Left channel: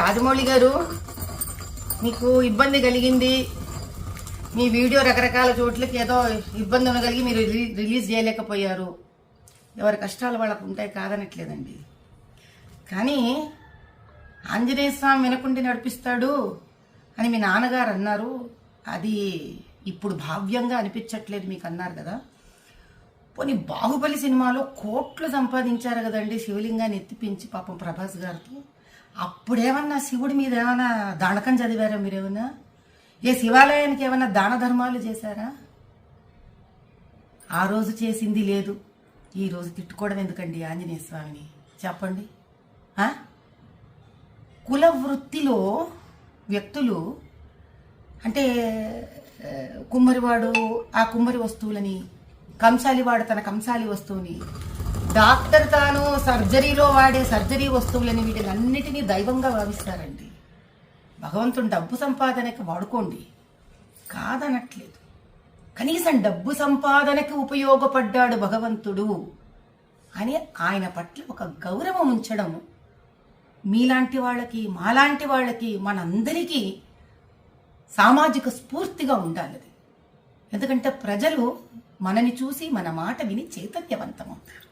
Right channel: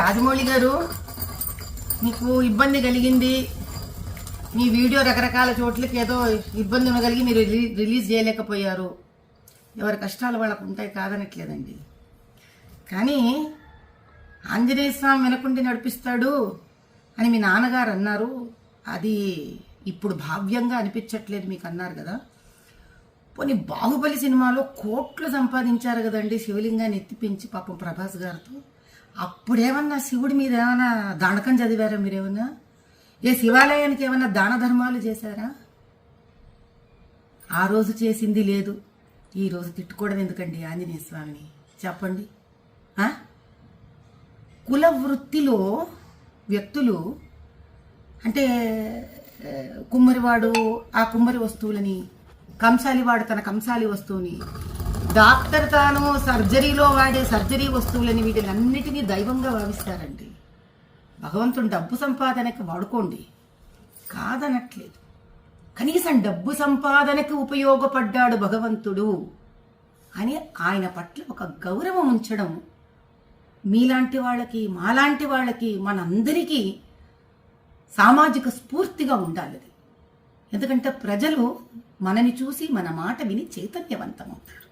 రాజమౌళి గారు, మీకు ఇబ్బంది కలిగింది, మీ వీడియో రకరకాల చోట్లకి ఏదో ఇబ్బంది ఉండగలిగి మీరు రిలీజ్ చేయలేకపోయారు. ఎవరి కష్టాలు వాళ్ళకు ఉంటాయి, కాదనట్లేదండి. కానీ ఆంజనేయ స్వామి వెనకుండి నడిపిస్తాడు అని మీ నాన్నగారు అన్నారు. అది ఇప్పుడు భావ్యంగా అనిపించట్లేదు మీకు అన్నారు కదా. పోనీ బాహుబలి సినిమాలో కోట్లు సంపాదించారు కదండి శివలింగాన్ని ఎత్తిపించి పాపం ప్రభాస్ గారితో. అప్పుడేమన్నా శివుడి మీద ఏమైనా దానకం చదివారా మీరేమన్నా? ఏ శివాలయానికి ఏమన్నా దాన ధర్మాలు చేశారా? ఆ రోజు చేసింది లేదు, ఈ రోజు తిట్టుకోవడం ఎందుకండి ఆంజనేయ స్వామిని చెప్పండి. కుల వృత్తిలో వ్యక్తులు అంటే కుమ్మరివాడు ఆ కుమ్మరి వస్తువులని, కంసాలివాడు తన కంసాలి వస్తువుని, డాక్టర్ తాను సర్జరీలో వాడే సర్జరీ వస్తువులని, వీటిలన్నిటినీ దైవంగా భావిస్తారండి. భగవంతుడు డబ్బు సంపాదనకి వాడుకోండి, కాదనట్లేదు. కనీసం డబ్బు సంపాదనకి ఉపయోగపడ్డాడు భగవంతుడు అని ఆయన పట్ల ఒక గౌరవం ఉంచడం మీలాంటి వాళ్ళకి, మాలాంటి వాళ్ళకి, మనందరికీ సామాజిక స్ఫూర్తిగా ఉండాలి. ఎందుకంటే ప్రజలు మనని చూసి మన మాట విని చైతన్యవంతమవుతారు.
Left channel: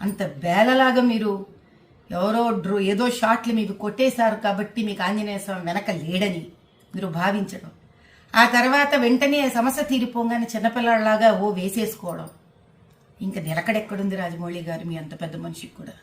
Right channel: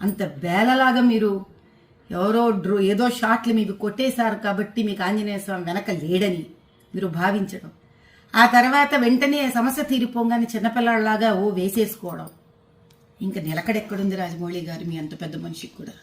అంత బేలలాగా మీరు ఎవరో ఏదో షాట్లు మీకు కొట్టేశారు కాబట్టి మీకు ఆంజనేయ స్వామి వెనక లేడని మీరు భావించడం, ఆ తర్వాత వెంటనే సమస్య తీరిపోగానే చిన్నపిల్లలాగా వేసేసుకోవడం, ఇంకా నిలకడెక్కడుంది రాజమౌళి గారు మీ అంత పెద్ద మనిషికి కూడా?